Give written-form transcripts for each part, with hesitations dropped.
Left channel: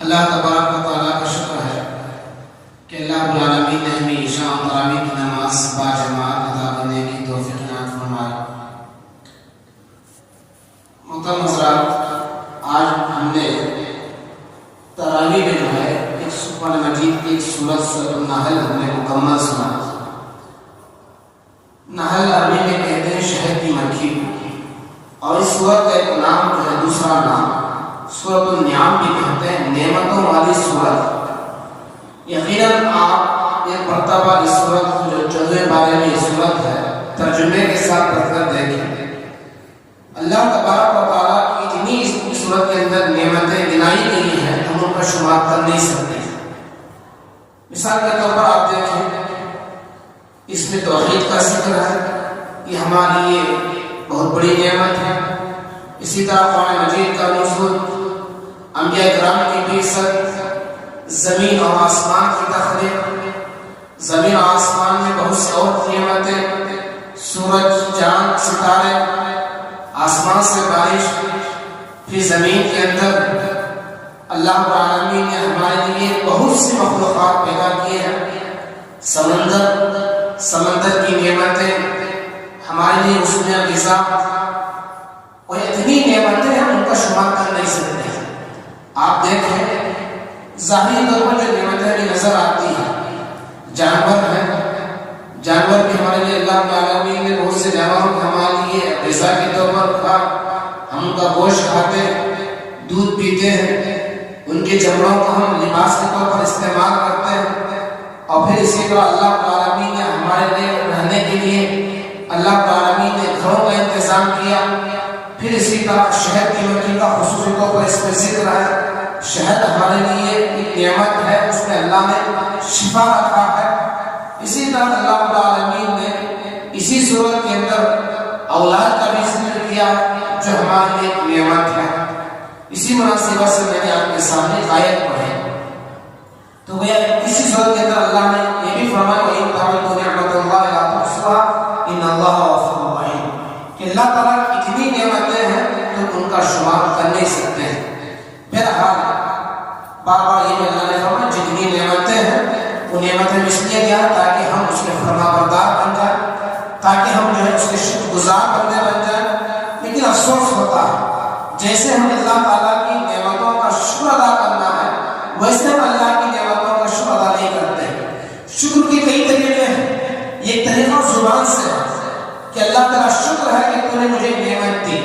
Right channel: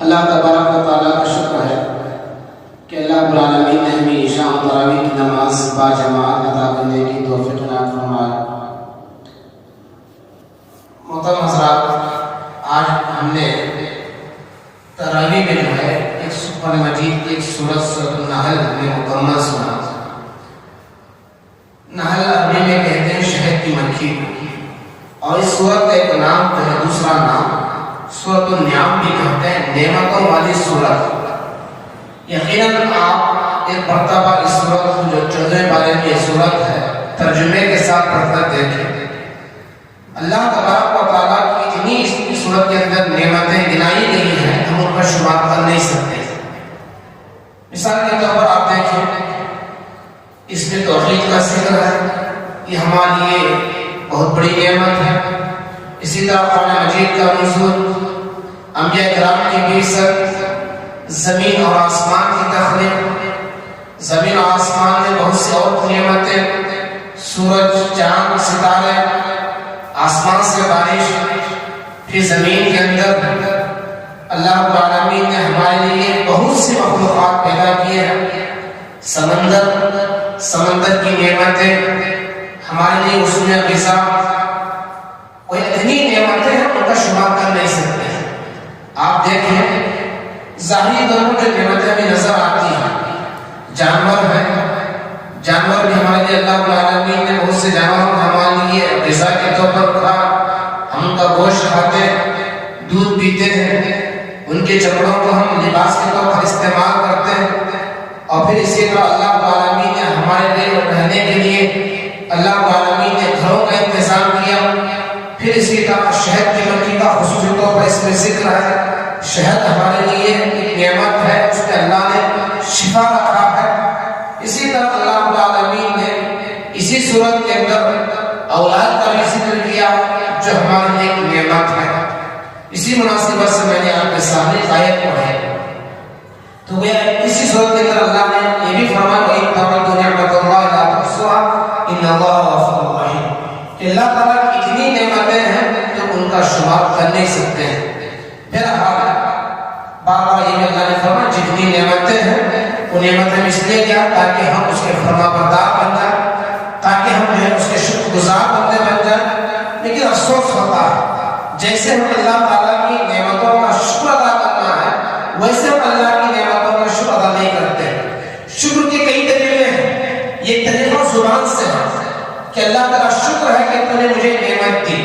اللہ تبارک و تعالیٰ کا شکر ہے کہ اللہ رب العالمین نے ہمیں عشاء و تراویح کی نماز با جماعت ادا کرنے کی توفیق عنایت فرمایا۔ محترم حضرات، آج ہم نے تراویح میں جو ہے ایک قرآن مجید ایک سورۃ النحل ہم نے مکمل سنا۔ نحل عربی میں کہتے ہیں شہد کی مکھی، اور اس سورت کا ایک نام جو ہے دوسرا نام سورۃ النعام بھی کہتے ہیں، نعمتوں والی سورت۔ یقیناً آپ ایک مرتبہ اس سورت کو جو 14 بارے میں یہ سورت ہے ترجمے کے ساتھ پڑھ کر دیکھیں۔ اللہ تبارک و تعالیٰ کی اتنی اس سورت کے اندر نعمتیں گنائی گئی ہیں ہم ان کا شمار کر نہیں سکتے۔ مثال کے طور پر آپ دیکھیں، اس میں توحید کا ذکر ہے، یہ ہمارے لیے بہت بڑی نعمت ہے۔ اسی طرح قرآن مجید کا نزول، انبیاء کرام کی بعثت، زمین اور آسمان کی تخلیق، زمین اور آسمان میں بہت سی اور نعمتیں، سورج، چاند، ستارے، آسمان سے بارش، پھر زمین کے اندر اللہ رب العالمین نے ہمارے لیے بہت سی مخلوقات پیدا کیے ہیں۔ سمندر کی نعمتیں ہمارے لیے اس میں غذا، اور اتنی نعمتیں ہم ان کا شمار کر نہیں سکتے ہیں۔ آپ دیکھیں ظاہری طور پر جو نعمتیں ہمیں نظر آتی ہیں، جانور ہیں، جانور بھی ہمارے لیے اللہ رب العالمین نے بہت سے جانوروں کو ہمارے لیے غذا کے طور پر رکھا۔ ہم ان کا گوشت کھاتے ہیں، دودھ پیتے ہیں، ان کے چمڑوں کو ہم لباس کے طور پر استعمال کرتے ہیں، اور پھر اسی طرح اللہ رب العالمین نے ہمارے لیے رہنے کے لیے اللہ رب العالمین نے گھروں کا انتظام کیا۔ پھر اسی طرح شہد کی مکھی کا خصوصی طور پر اس میں ذکر ہے۔ شہد ہمارے لیے ایک نعمت ہے، اس میں اللہ نے شفا رکھا ہے۔ اسی طرح اللہ رب العالمین نے اسی صورت کے اندر اولاد کا بھی ذکر کیا جو ہمارے لیے ایک نعمت ہے۔ اسی مناسبت سے میں نے آپ کے سامنے آیت پڑھی، تو وہ اسی صورت کے اندر اللہ نے یہ بھی فرمایا وَإِن تَعُدُّوا نِعْمَتَ اللَّهِ لَا تُحْصُوهَا إِنَّ اللَّهَ غَفُورٌ رَحِيمٌ کہ اللہ تعالیٰ کی اتنی نعمتیں ہیں تو ان کا شمار کر نہیں سکتے ہیں۔ پھر بار یہ اللہ نے فرمایا جتنی نعمتیں ہیں وہ نعمتیں اس لیے دیا تاکہ ہم اس کے فرما بردار بن جائیں، تاکہ ہم اس کے شکر گزار بندے بن جائیں۔ لیکن افسوس ہوتا ہے جیسے ہم اللہ تعالیٰ کی نعمتوں کا شکر ادا کرنا ہے ویسے ہم اللہ کی نعمتوں کا شکر ادا نہیں کرتے۔ شکر کے کئی طریقے ہیں، یہ طریقہ زبان سے ہے کہ اللہ تعالیٰ شکر ہے کہ تو نے مجھے نعمت دی۔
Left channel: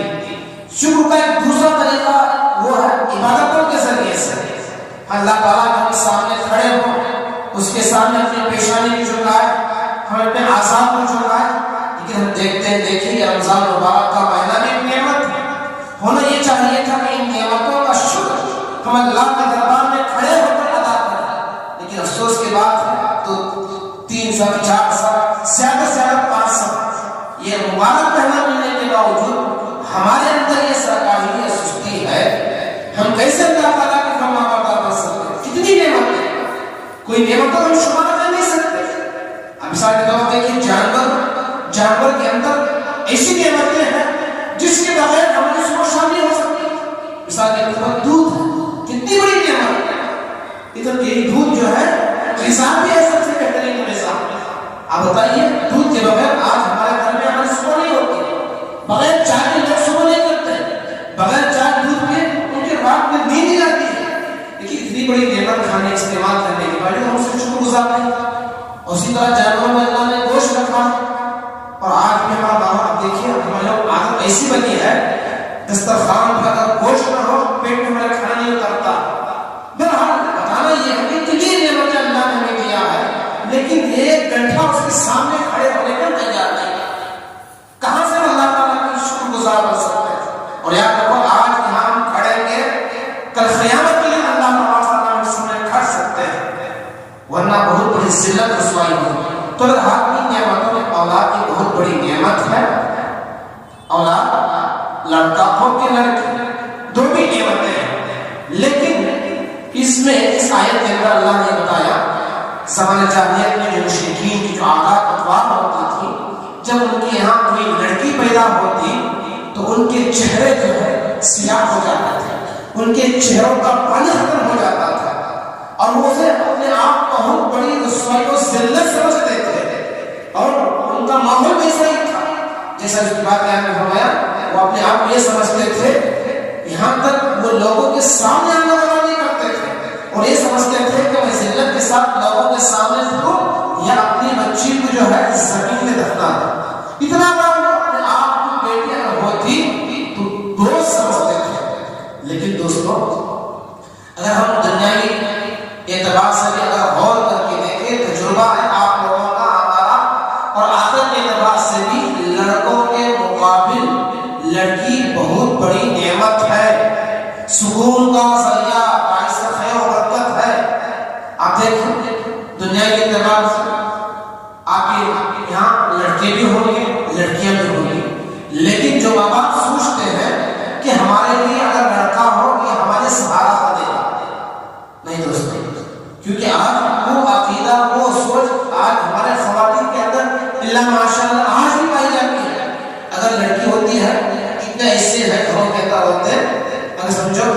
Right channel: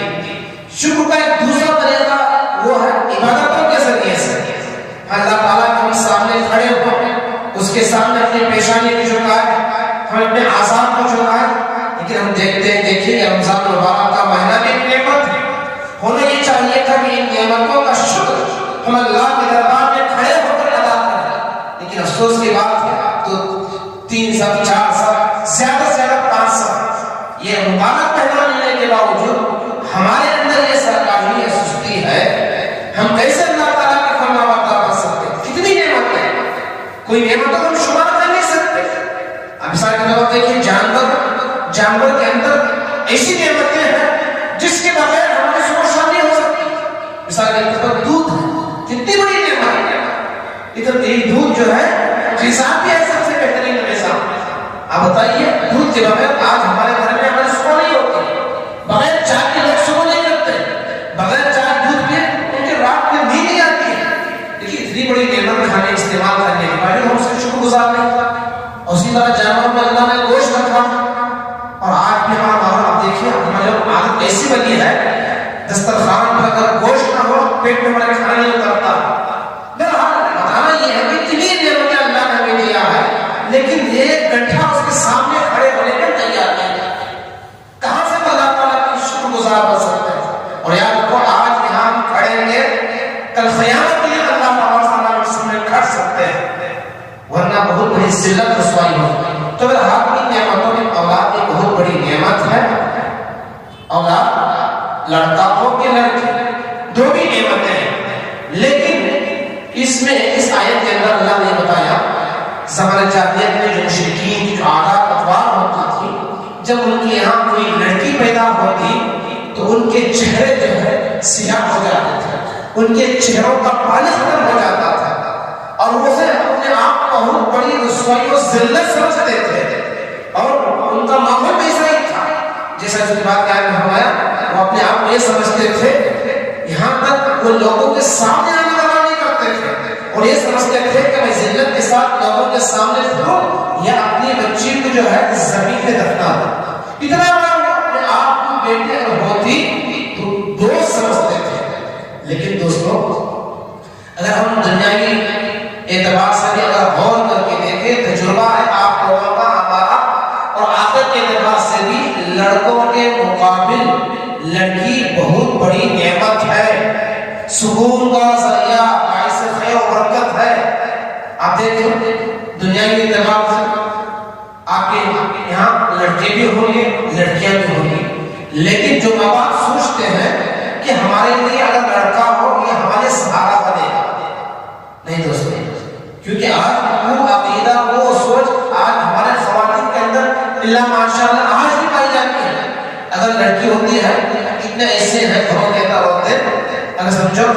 شکر کا ایک دوسرا طریقہ وہ ہے عبادتوں کے ذریعے سے، اللہ تعالیٰ ہم سامنے کھڑے ہوں، اس کے سامنے اپنی پیشانی کو جھکائے، ہم اپنے اعضاء کو جھکائے، لیکن ہم دیکھیں کہ رمضان مبارک کا مہینہ بھی ایک نعمت ہے۔ ہونا یہ چاہیے تھا کہ ان نعمتوں کا شکر ہم اللہ کے دربار میں کھڑے ہو کر ادا کریں، لیکن افسوس کی بات ہے تو 3 سال 4 سال زیادہ سے زیادہ 5 سال یہ مبارک مہینہ ملنے کے باوجود ہمارے اندر یہ سرکاری یا سستی ہے۔ ہم کیسے اللہ تعالیٰ کے فرما بردار بن سکتے؟ کتنی نعمتیں، کوئی نعمتوں کو ہم شمار کر نہیں سکتے۔ اب مثال کے طور پر دیکھیں جانور کے اندر ایسی نعمتیں ہیں جس کے بغیر ہماری صبح شام نہیں ہو سکتی۔ مثال کے طور پر دودھ کتنی بڑی نعمت ہے، ادھر دودھ جو ہے غذا بھی ہے سب سے بہترین غذا۔ اب بتائیے دودھ کے بغیر آج ہمارے گھر میں ہماری صبح نہیں ہوتی، بغیر چائے کے لوگ صبح نہیں کرتے، بغیر چائے دودھ کے ان کی رات میں نیند نہیں آتی ہے۔ لیکن اتنی بڑی نعمت کھانے استعمال کرنے کے بعد ہم اس کا شکر گزار نہیں۔ اسی طرح جانوروں میں اللہ نے گوشت رکھا، اور آج بھی ہمارا باہر دیکھیے ہماری عادت ایسی بنی ہے دسترخوان پر اگر گوشت نہ ہو پیٹ میں ہمارے کھانا نہیں اترتا۔ بہرحال بتانا یہ ہے کہ اتنی نعمتیں اللہ نے ہمیں دیا ہے، لیکن 1 گھنٹہ اس کے سامنے کھڑے ہونے کا تیار نہیں ہے۔ کہاں سے اللہ تعالیٰ کی شکر گزار بن سکتے ہیں؟ اور یاد رکھو آج یہاں ہم کھڑیں گے، کل قیامت کے لیے اللہ تعالیٰ کے سامنے کھڑ سکتے ہیں، ورنہ بہت بڑی ذلت رسوائی ہوگی۔ تو بہرحال کی نعمتوں میں اولاد ایک بہت بڑی نعمت ہے۔ اولاد لڑکا ہو کہ لڑکی دو بھی نعمتیں ہیں، لیکن اس میں اس آیت کے اندر اللہ نے بتایا زمانہ جاہلیت میں جو مشرکین کی جو عادات اطوار ہوتی تھی، جب ان کے یہاں کوئی لڑکی پیدا ہوتی تو ان کے چہرے جو ہے سیاہ ہو جاتے تھے، ان کے چہروں کا پانی ختم ہو جاتا عورتیں اپنے آپ کو بہت بڑی رسوائی و ذلت سمجھتے تھے اور ان کا ماحول بھی ایسا ہی تھا جیسا جو بات نے فرمایا وہ اپنے آپ کو یہ سمجھتے تھے یہاں تک وہ لوگوں کے سامنے آنا منع نہیں کرتے تھے اور یہ سمجھتے تھے کہ میں ذلت کے ساتھ لوگوں کے سامنے پھروں یا اپنی بچی کو جو ہے زمین میں دفنا دوں اتنا بڑا اپنے آپ کو بیٹی اگر ہوتی تو دوست سمجھتے تھے لیکن دوستوں اگر ہم دنیاوی اعتبار سے اگر غور کر کے دیکھیں تجربہ ہے آپ لوگوں کا ہمارا اور آخرت کے اعتبار سے بھی لڑکوں کے مقابل لڑکی بہت بڑی نعمت ہے سکون کا ذریعہ باعث خیر و برکت ہے آپ دیکھیں دنیا کے اعتبار سے آپ کے یہاں لڑکے بھی ہوں گے لڑکیاں بھی ہوں گی لیکن جو ماں باپ سوچتے ہیں کہ ہمارے لیے اگر لڑکا ہو یہ ہمارے سہارا بنے گا نہیں دوستوں کیونکہ آج وہ عقیدہ وہ سوچ آج ہمارے خواتین کے اندر اللہ ماشاءاللہ آج بھی پائی جاتی ہے اگر لڑکی ہوتی ہے اتنے ایسے ہیں گھروں کے اندر ہوتے ہیں اگر سمجھو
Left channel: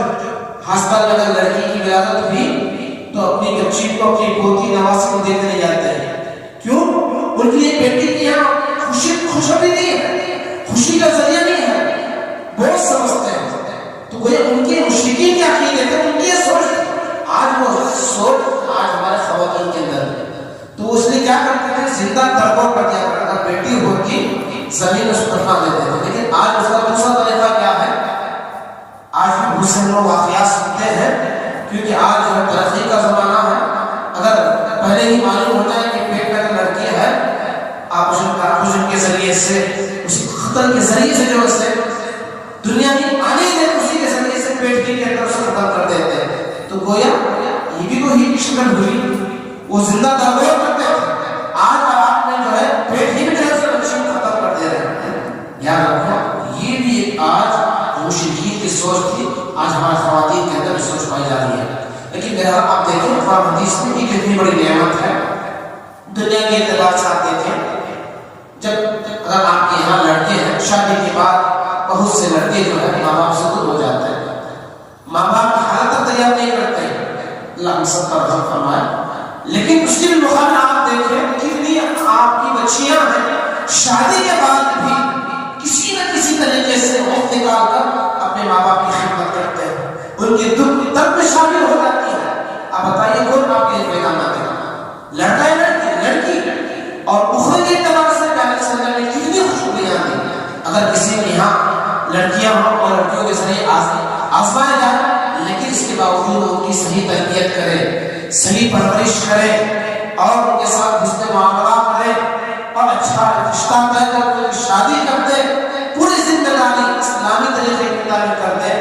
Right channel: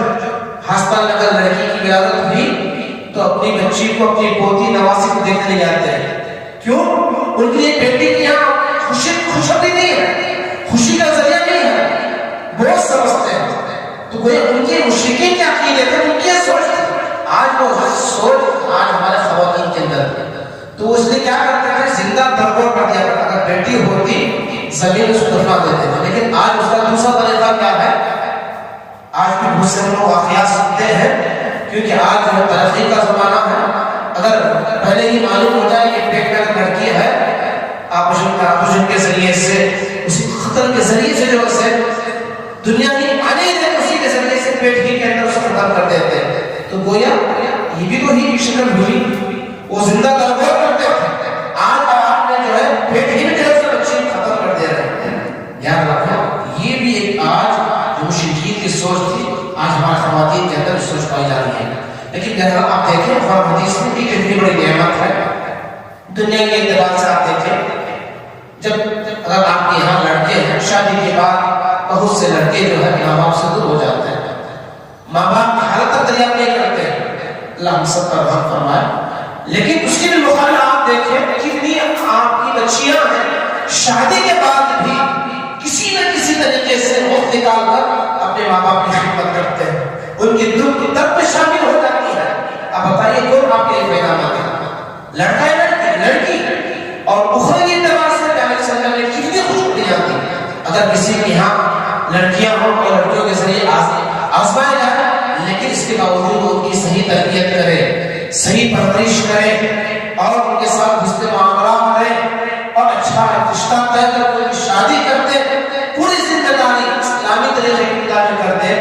ہسپتال میں اگر لڑکی کی ولادت ہوئی تو اپنی بچی کو اپنی پوتی نوازی کو دیکھنے جاتے ہیں کیوں ان کے لیے بیٹی کی یہاں خوشی نہیں ہے خوشی کا ذریعہ نہیں ہے بہت سمجھتے ہیں تو کوئی ان کے مشرکین کے عقیدے تھے ان کی سوچ آج وہ سوچ آج ہمارے خواتین کے اندر تو اس نے کیا کرتے ہیں زندہ درگور کر دیا اگر بیٹی ہوتی زمین اس کو دفنا دیتے ہیں لیکن آج اس کا دوسرا طریقہ کیا ہے آج بھی بہت سے لوگ واقعات سنتے ہیں کیونکہ آج جو ترقی کا زمانہ ہے اگر پہلے ہی معلوم ہو جائے کہ پیٹ میں لڑکی ہے آپریشن کے ذریعے سے اسی خطر کے ذریعے سے جو ہے دنیا کی آنے سے اسی کے ذریعے سے پیٹ کے اندر اسے ختم کر دیتے ہیں تو گویا یہ بھی تو ہی شکل ہوئی وہ زندہ درگور کرتے تھے آج آپ نے جو ہے پیٹ ہی میں سے بچی ختم کر دے رہے ہیں یاد رکھنا یہ بھی ایک آج جو مشرکین کی سوچ تھی آج ہمارے خواتین کے اندر سوچ پائی جا رہی ہے لیکن بہرحال آپ دیکھیں قرآن حدیث میں بھی کتنی بڑی نعمت ہے دنیا کے اعتبار سے آپ دیکھیں جب اگر آپ کے یہاں لڑکے ہیں شادی کے بعد بہت سے لڑکے جو ہے ماں باپ سے دور ہو جاتے ہیں ماں باپ کی حالت تک تیار نہیں کرتے ہیں اللہ ہم سب پر رحم فرمائے لیکن اس کے بھی مقابلے آپ دیکھیں کتنی آپ کی بچیاں ہیں شادی کے بعد بھی کسی نہ کسی طریقے سے وقت نکال کر اپنے ماں باپ کی خدمت کرتے ہیں ان کے دکھ کی درد میں شامل ہو جاتی ہے اب بتائیے کون آپ کے لیے پیغام ہے لڑکا ہے لڑکی اور اخروی اعتبار سے پہلے صلی اللہ علیہ وسلم نے کتنی خوشخبریاں دی اگر کسی کے یہاں لڑکیاں ہوں اور لڑکیوں کے ذریعے آزمائے جائیں لیکن اس کے باوجود ان کی صحیح تربیت کرے صحیح پرورش کرے اور ان کے ساتھ حسن معاملات کرے اور اچھا رشتہ طے کر ان کی شادی کر دے پوری زندہ داری اسلامی طریقے کی تعلیم کر دے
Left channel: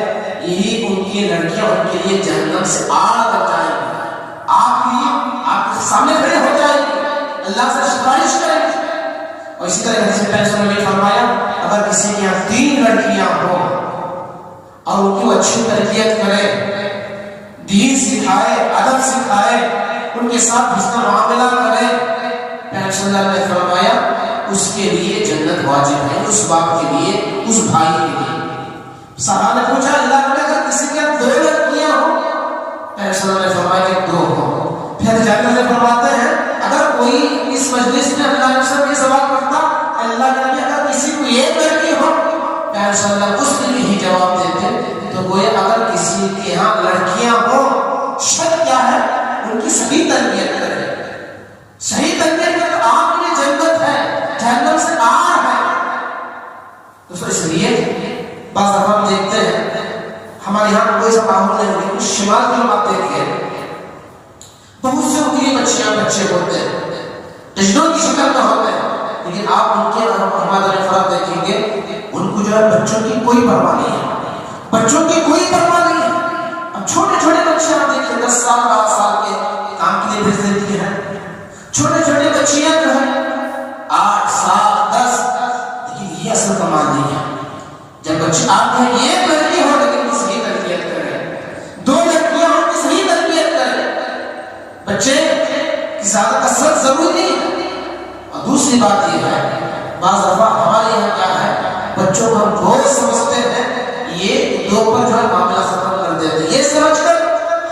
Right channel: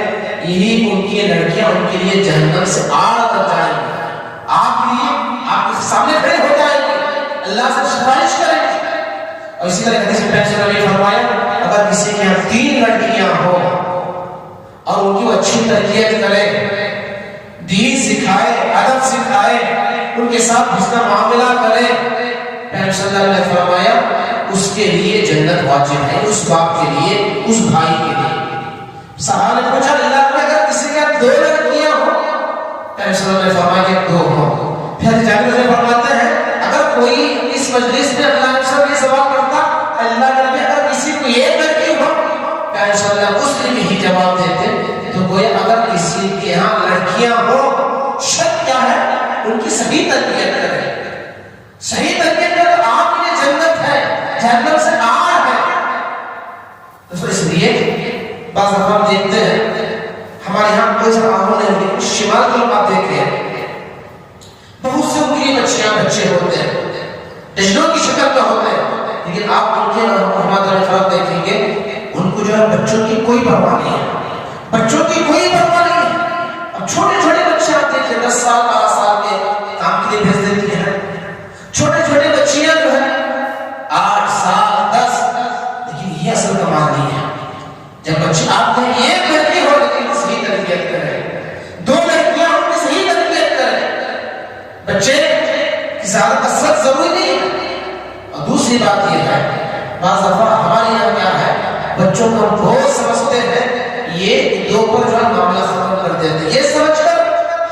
یہی ان کی لڑکیاں ان کے لیے جہنم سے آڑ کر جائیں گی آپ کے سامنے کھڑے ہو جائیں گے اللہ سے سفارش کریں گے اور اسی طرح حدیث میں نے فرمایا اگر کسی کے یہاں 3 لڑکیاں ہوں اور ان کی اچھی تربیت کرے دین سکھائے ادب سکھائے ان کے ساتھ حسن معاملہ کرے پیغمبر صلی اللہ علیہ وسلم نے فرمایا اس کے لیے جنت واجب ہے اس باپ کے لیے اس بھائی کے لیے صحابہ نے پوچھا اللہ نے اگر کسی کے 2 لڑکیاں ہوں پیغمبر صلی اللہ علیہ وسلم نے فرمایا کہ 2 ہوں پھر جابر نے فرماتے ہیں اگر کوئی اس مجلس میں اللہ کے سب کے سوال کرتا اللہ نے اگر کسی کو 1 لڑکی ہو پیغمبر صلی اللہ علیہ وسلم اس لیے ہی جواب دیتے تو کوئی اگر کسی کے یہاں لڑکیاں ہو شرط کیا ہے ان کی صحیح تربیت کرے صحیح تربیت کرے تو آپ کے لیے جنت ہے جہنم سے آر ہے تو اس لیے بعض دفعہ ہم دیکھتے ہیں ہمارے یہاں کوئی سا ماحول نہیں کچھ شمال کی آپ دیکھیں بہت سے ان کے بچیاں بچے ہوتے ہیں ٹجنوں کی شکل میں ہوتے ہیں لیکن آپ ان کے ہمارے خراب دیکھیں گے ان کو جو ہے بچوں کی کوئی پرواہ نہیں ہے بچوں کی کوئی پرواہ نہیں ہے اب چھوٹے چھوٹے بچے آپ دیکھیں 10 سال 12 سال کے کام کے لیے بھیج دیتی ہیں چھوٹے چھوٹے بچیاں جو ہیں 8 سال 10 لیکن یہ اصل کمال نہیں ہے جب بچے آپ ہیں 1 لڑکی ہو لیکن صحیح تربیت کریں 2 لڑکیاں ہو تو صحیح تربیت کریں بچے کی زیادہ کثرت ضروری نہیں ہے اور دوسری بات یہ ہے بعض دفعہ ہمارے یہاں کیا ہے بچوں کو ہم بہت سمجھتے ہیں یہ 2 پر جو ہے معاملہ ختم کر دیتے یہ سمجھ کر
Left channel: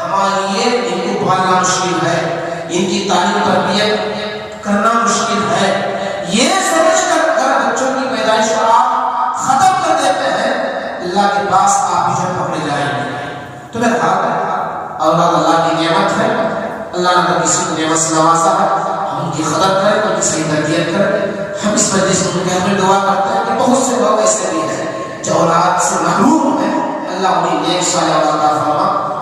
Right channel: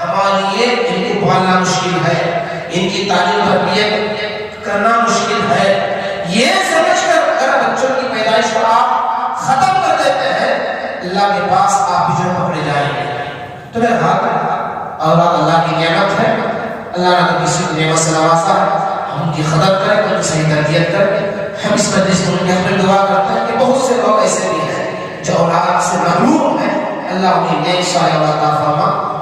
ہمارے لیے ان کو پالنا مشکل ہے اللہ کے پاس آپ بھی جو پکڑے جائیں گے. تو میرے حال اولاد اللہ کی نعمت ہے. اللہ نے تو کسی کی نعمت سے نوازا ہے. ہم ان کی قدر کریں, ان کی صحیح تربیت کریں. ہم اس مجلس میں ان کے حق میں دعا کرتے ہیں کہ بہت سے لوگ ایسے بھی ہیں جو اولاد سے محروم ہیں. اللہ انہیں نیک صالح اولاد عطا فرما.